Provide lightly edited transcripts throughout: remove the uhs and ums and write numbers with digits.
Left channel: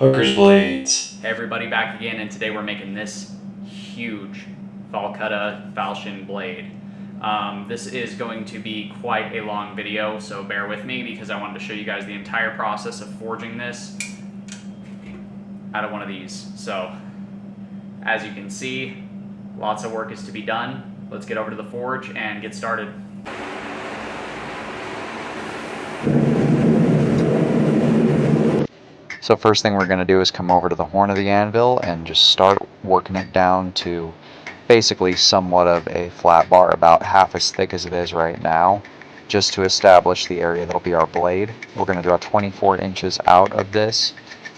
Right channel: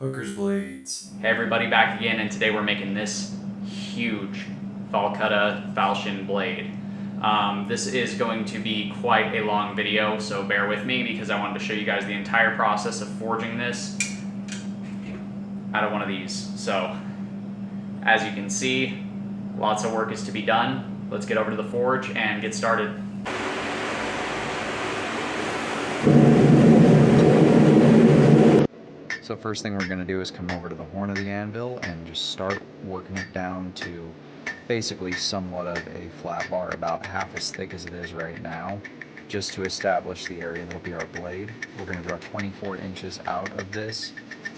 Hooker's blades. Hey everybody, back again, and today we're making this huge falcata falchion blade. This is going to be quite a long video, so bear with me because I wanted to show you guys the entire process of forging this out of one of these. So, as you can see, lots of work is to be done. Let's get over to the forge and get started. So first thing we're going to do is come over to the horn of the anvil and just start working it down to basically somewhat of a flat bar, about half as thick as it is right now, just to establish the area that'll be our blade. We're going to draw 24 inches out of this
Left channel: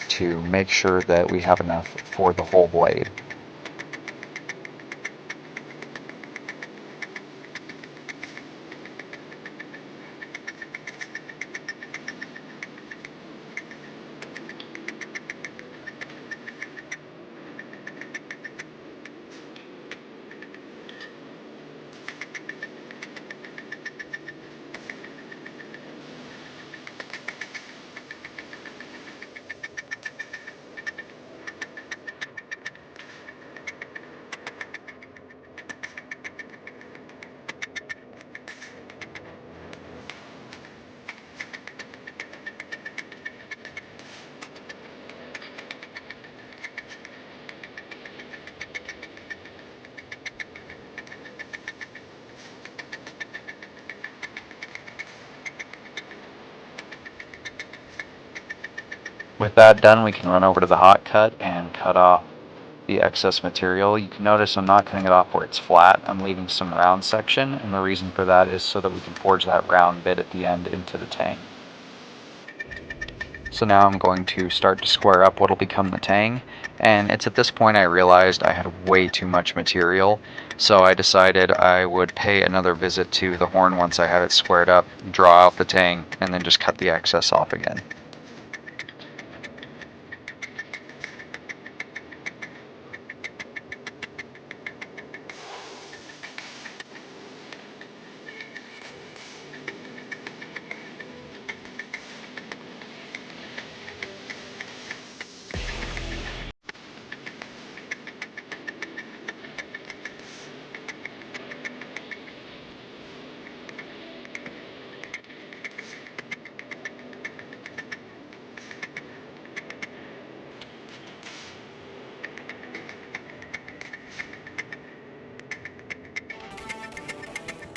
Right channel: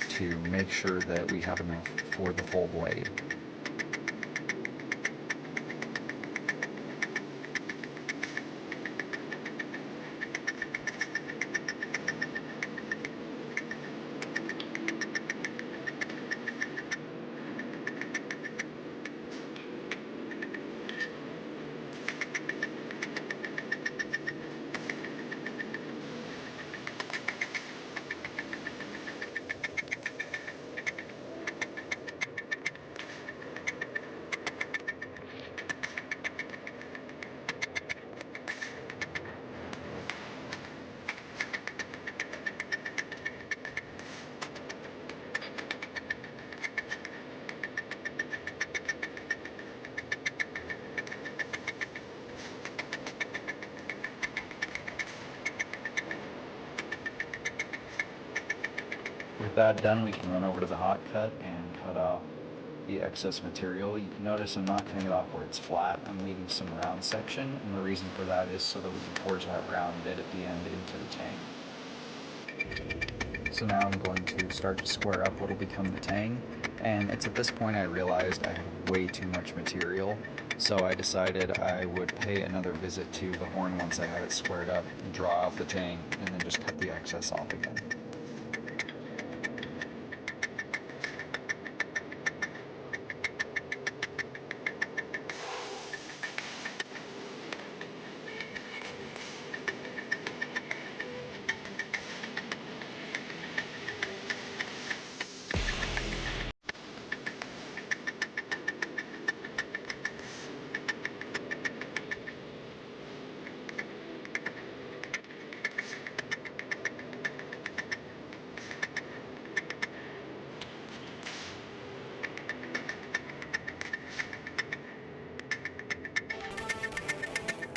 to make sure that we have enough for the whole blade. With that done, we can run over to the hot cut and cut off the excess material. You can notice I'm not cutting it off where it's flat. I'm leaving some round section, and the reason for that is so that we can forge that round bit at the end into the tang. So now I'm going to start to square up what'll become the tang, and it's at this point I realized I had way too much material, so I decided I would pay another visit to the horn once I had it squared up, draw out the tang, and then just cut the excess off again.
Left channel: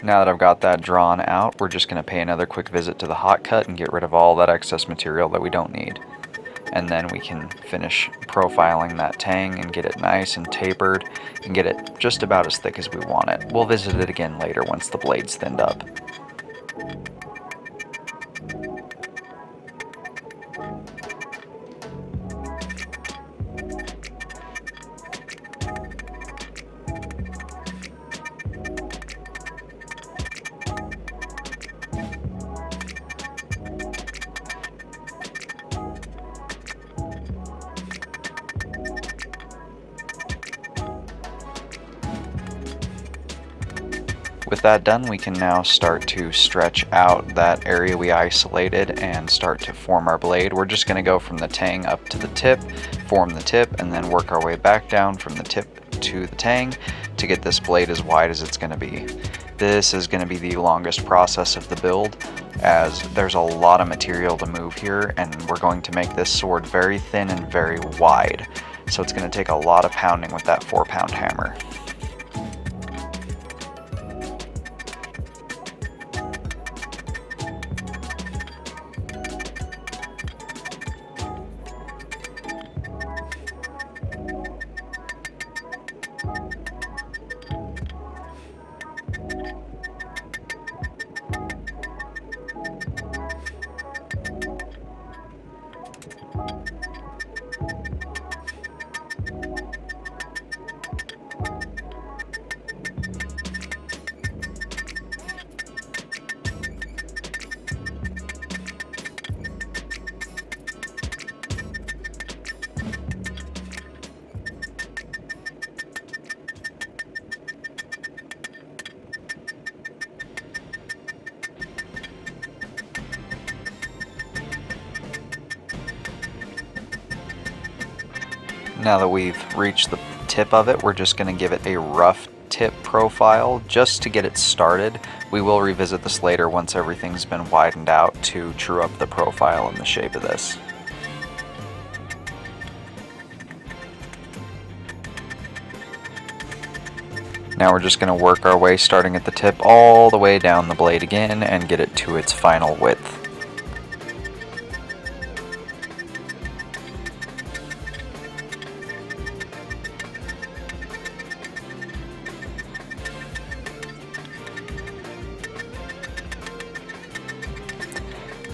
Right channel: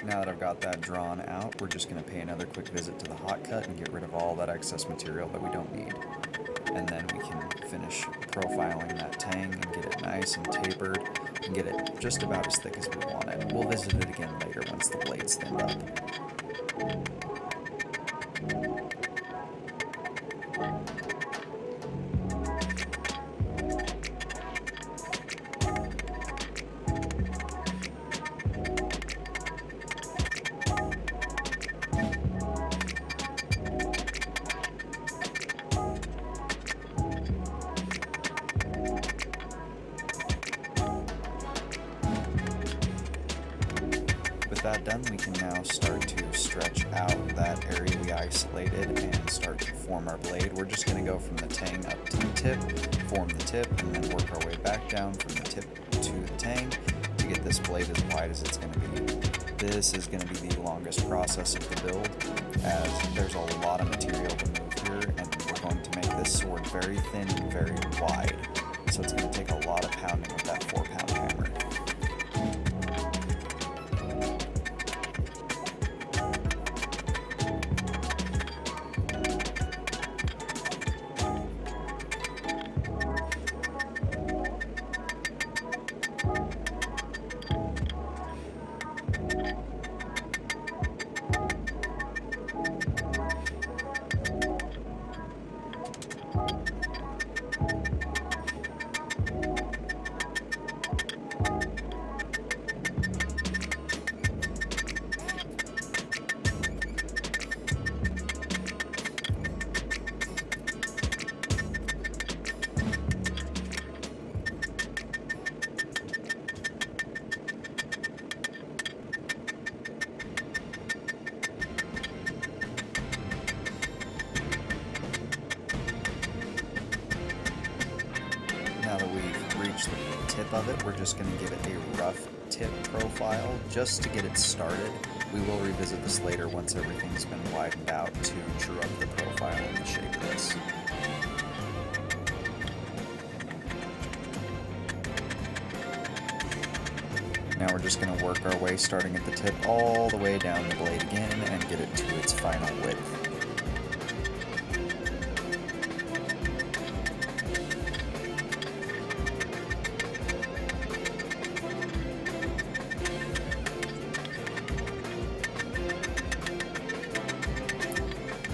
Now that I've got that drawn out, we're just going to pay another quick visit to the hot cut and get rid of all that excess material that we don't need. And then we can finish profiling that tang and get it nice and tapered and get it just about as thick as we want it. We'll visit it again later once the blade's thinned up. With that done, we can now start to stretch out that area we isolated and start to form our blade. We're just going to go from the tang up to the tip, form the tip, and then work our way back down from the tip to the tang to get this blade as wide as it's going to be. This is going to be the longest process of the build, as there's a lot of material to move here, and we're going to make this sword very thin and very wide. So it's going to take a lot of pounding with that 4-pound hammer. Now that we've reached the tip of it, we're just going to give it a rough tip profile just to get it started. We will revisit this later once everything's been widened out to true up the profile and the shape of this. Now we're just going to work our way starting at the tip all the way down the blade again and get it to its final width.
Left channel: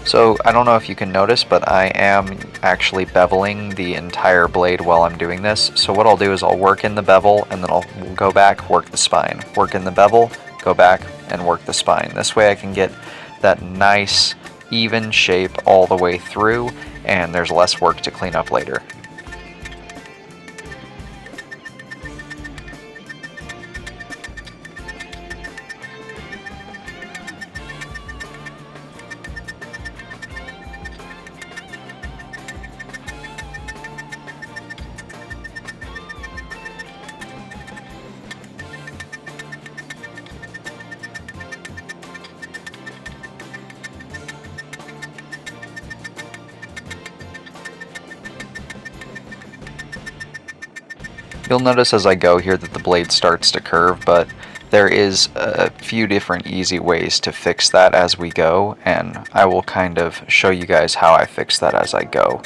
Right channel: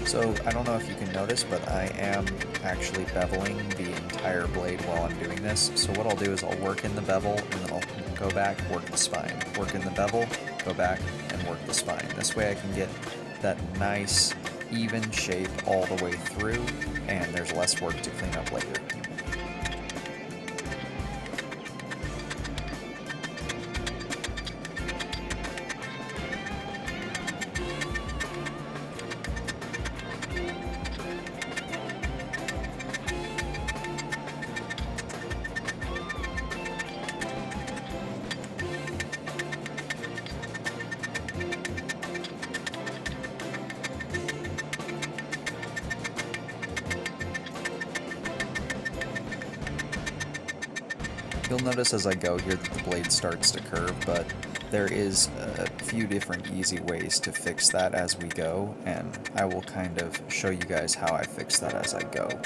So I don't know if you can notice, but I am actually beveling the entire blade while I'm doing this. So what I'll do is I'll work in the bevel and then I'll go back, work the spine. Work in the bevel, go back, and work the spine. This way I can get that nice, even shape all the way through, and there's less work to clean up later. You'll notice as I go here that the blade starts to curve, but there is a few different easy ways to fix that as we go, and I will kind of show you guys how I fix that as I go.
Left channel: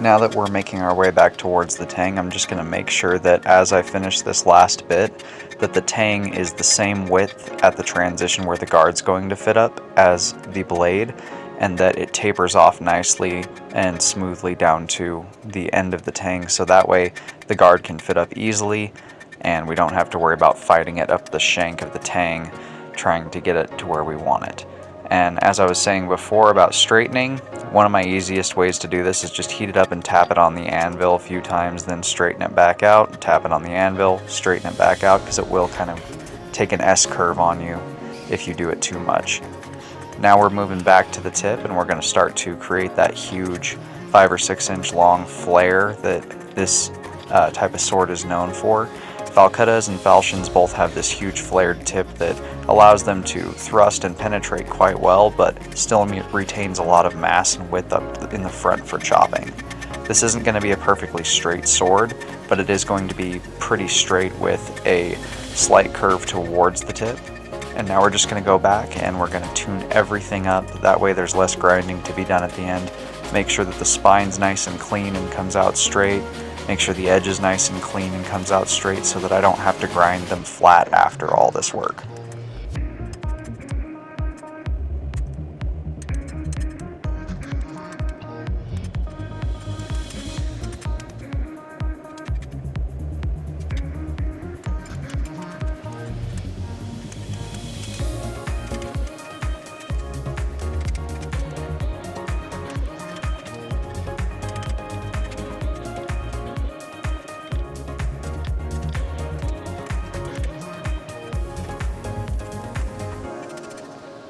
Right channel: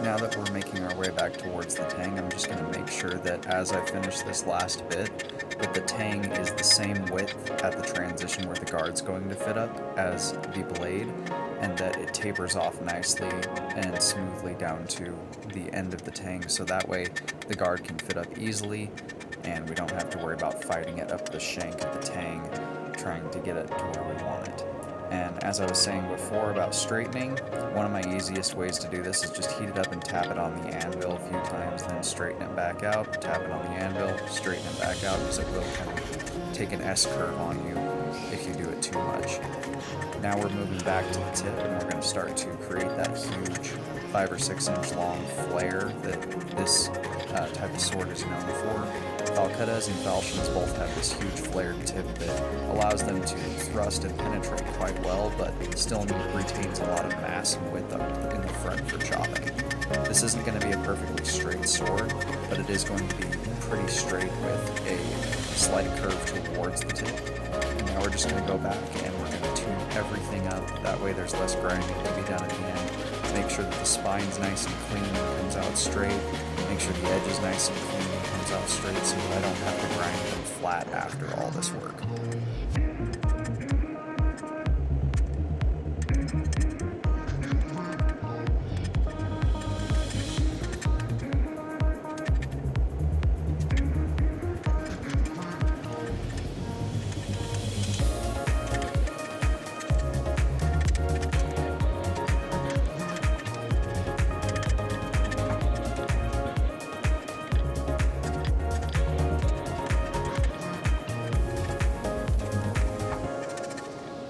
Now that we're making our way back towards the tang, I'm just going to make sure that as I finish this last bit, that the tang is the same width at the transition where the guard's going to fit up as the blade, and that it tapers off nicely and smoothly down to the end of the tang, so that way the guard can fit up easily and we don't have to worry about fighting it up the shank of the tang, trying to get it to where we want it. And as I was saying before about straightening, one of my easiest ways to do this is just heat it up and tap it on the anvil a few times, then straighten it back out, tap it on the anvil, straighten it back out, because it will kind of take an S-curve on you if you do it too much. Now we're moving back to the tip and we're going to start to create that huge 5 or 6 inch long flare that this type of sword is known for. Falcatas and falchions both have this huge flared tip that allows them to thrust and penetrate quite well, but still retains a lot of mass and width up in the front for chopping. This isn't going to be a perfectly straight sword, but it is going to be pretty straight with a slight curve towards the tip. And now we're just going to go back and we're going to tune everything up. That way there's less grinding to be done at the end. Make sure that the spine's nice and clean and comes out straight. Make sure the edge is nice and clean and comes out straight so that I don't have to grind them flat after all this work.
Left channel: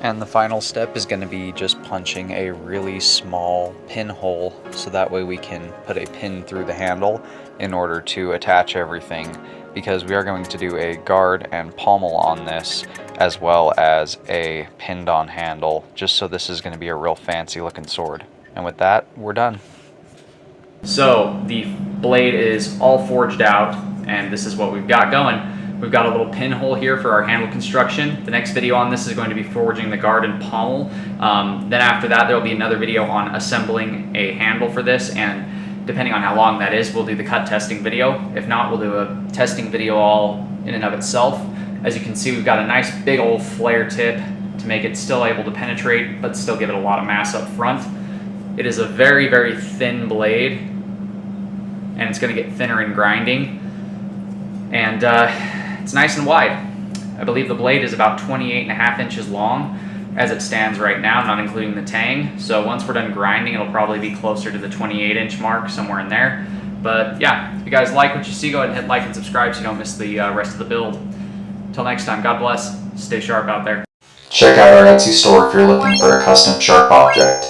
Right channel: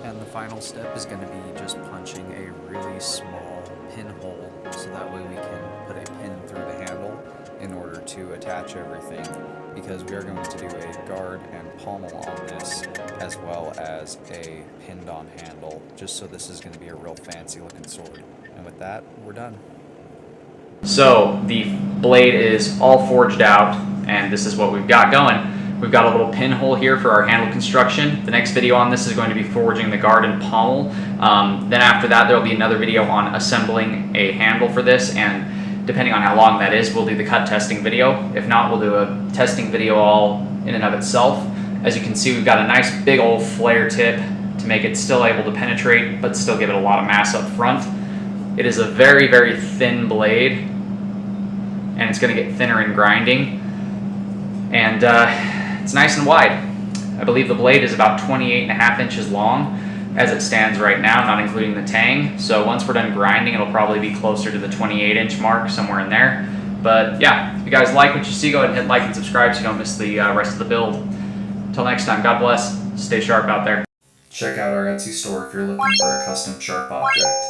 And the final step is going to be just punching a really small pinhole so that way we can put a pin through the handle in order to attach everything, because we are going to do a guard and pommel on this as well as a pinned on handle, just so this is going to be a real fancy looking sword. And with that, we're done. So the blade is all forged out, and this is what we've got going. We've got a little pinhole here for our handle construction. The next video on this is going to be forging the guard and pommel. Then after that, there will be another video on assembling a handle for this, and depending on how long that is, we'll do the cut testing video. If not, we'll do a testing video all in and of itself. As you can see, we've got a nice big old flare tip to make it still able to penetrate, but still give it a lot of mass up front. It is a very, very thin blade, and it's going to get thinner in grinding. And it's nice and wide. I believe the blade is about 28.5 inches long as it stands right now, not including the tang. So once we're done grinding, it'll probably be closer to the 28-inch mark, somewhere in there. But yeah, if you guys like what you see, go ahead and hit like and subscribe so you don't miss the rest of the build. Until next time, God bless. Stay sharp out there. Check out our Etsy store if you're looking for a custom sharp object.